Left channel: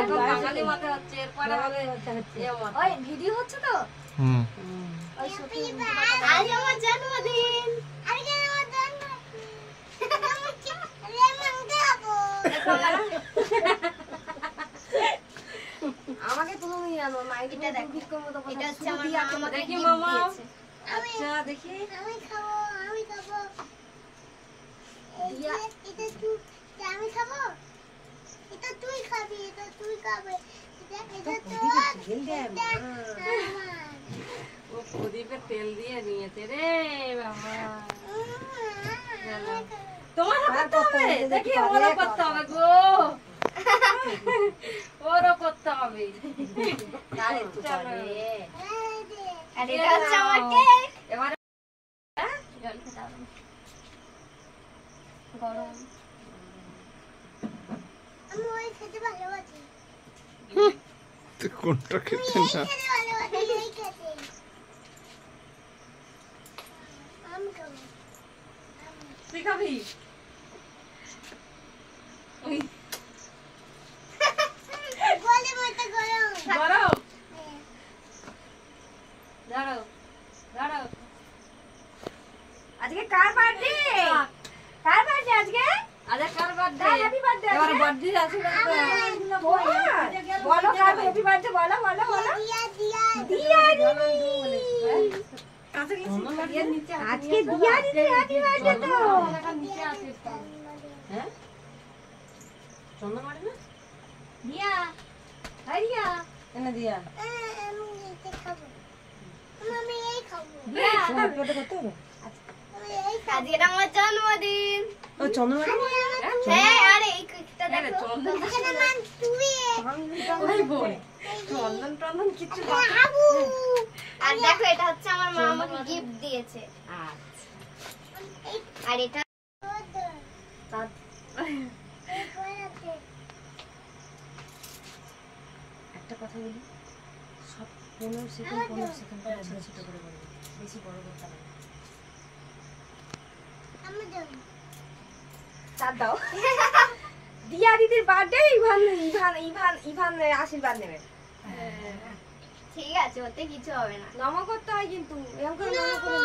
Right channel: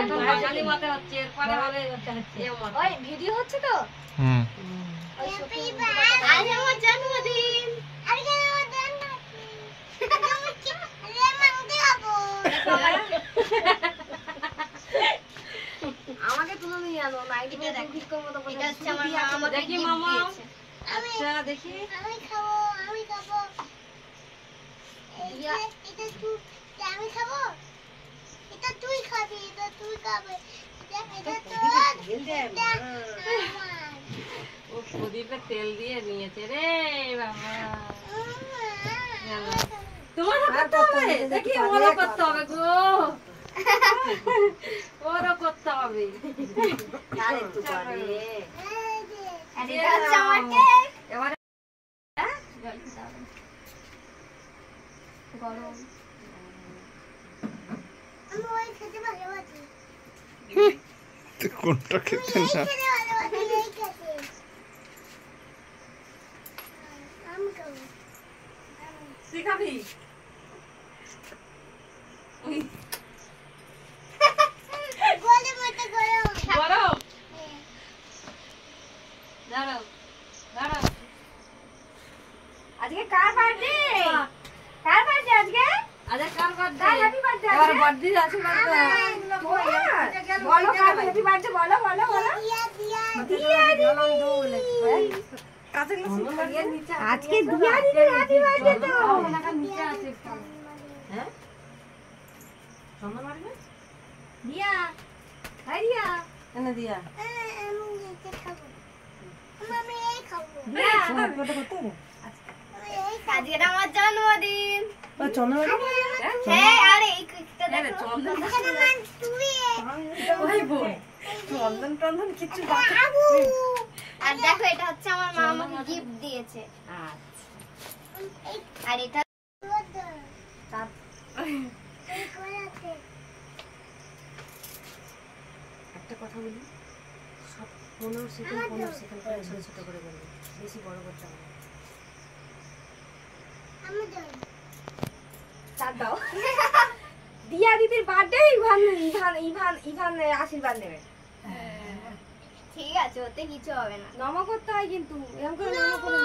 এখন বাঙালি মতে হচ্ছে, এরপরে হবে ওই ভিডিও হচ্ছে তো। আজ আমার জন্মদিন। আমাকে তুলে নিয়ে আনো নাইটিটা দেখি মতো এটা হচ্ছে আমার মা আমাকে দেখি মামা। আচ্ছা দেখি আমি খাবো এটা তুই আমি খাবো এটা তুই খাবি এটা তুই খাবে এটা তো তেল দে ও প্রদীপে তেল দিয়ে নিয়েছে রে বাবা। তোমার করতে হবে দেখি ওরও করতে হবে গো ওরও করতে হবে তাহলে তো পারে। আর এটা হচ্ছে আমার কেক। এবারে জল খাও গরম। আমি ওই খেতে ভালোবাসি। তুই কোনটা খেতে না? খেতে ভালোবাসি এই খেতে। আমি খাবো। তুই খাবি? ওই গরম মতো গরম। গরম? দাঁড়াও দাঁড়াও। আজকে কার বার্থডে? কার বার্থডে আজকে? আজকে কার বার্থডে? Happy birthday. এবার বার্থডে আশীর্বাদ বলো কার হ্যাপি বার্থডে বলো বলো বলো। দিয়া আজকে দিয়া দিদি হ্যাপি বার্থডে তো। হ্যাঁ চন্দ্র মারে না দিয়া। হাই দিয়া এনে দিয়া আমি এটা খাবো। আমি এই খাবো। দিয়া ফটো করতে হবে আজকে আমার জন্মদিন। ও চন্দ্র মারে হ্যাঁ আরে এই কেকটা দেখো চন্দন মান তুই ওই বল চন্দন চন্দন কিছু বাবু। আর দেখো এটা হচ্ছে আমার মা আমাকে গিফট দিয়েছে। আচ্ছা আর এটা একটা কথা বলি সব 15 সেকেন্ড করে ছোট করে বলবো বেশি বড় করতে হবে। আমি দাও চাঁদ দাও। দিয়া দিদির বার্থডে ইভান আশীর্বাদ নেবে। ঠিক আছে ওতে কিছু হবে না। নম করতে হয় কিন্তু এরকম করে নম করে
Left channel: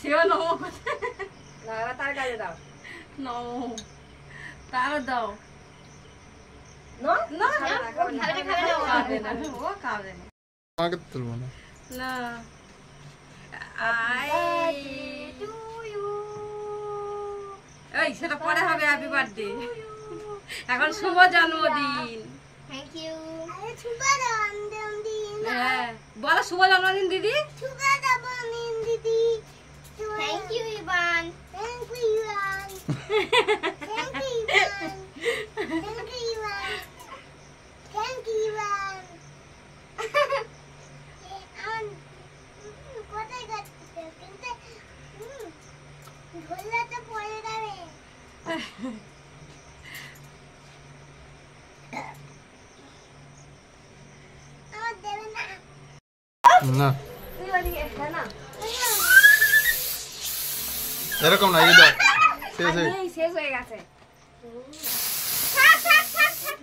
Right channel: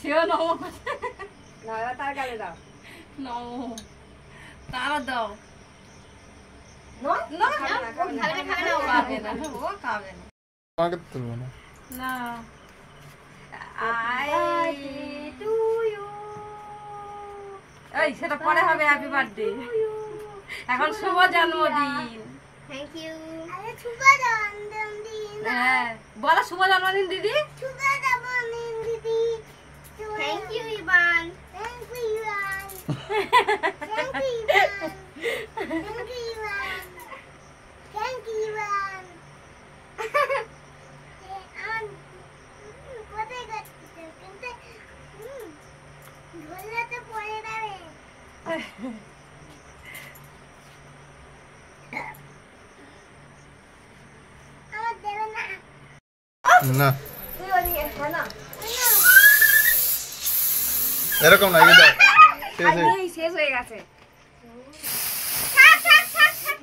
সেও নম করতে না তার কাছে দাও নম তারা দাও না না খাবে না ও খাবে না আমাকে তুলবো না না। আই টু ইউ এই সেটা পরে হবে হ্যাপি বার্থডে। এখন শুভ জন্মদিন। Thank you. আরে শুভ জন্মদিন। হ্যাঁ বলো শুভ জন্মদিন দিদি। শুভ জন্মদিন দিদি। Thank you Ivan. Thank you Ivan. Thank you Ivan. Thank you Ivan. Thank you Ivan. কোথায় যাচ্ছেন কিন্তু ধরলে তো পড়ে যাবে। আমার দেবে না না তুই ওদিকে হ্যাঁ না এরকম না এই দাও শেষ হয়ে গেছে। থাক থাক থাক থাক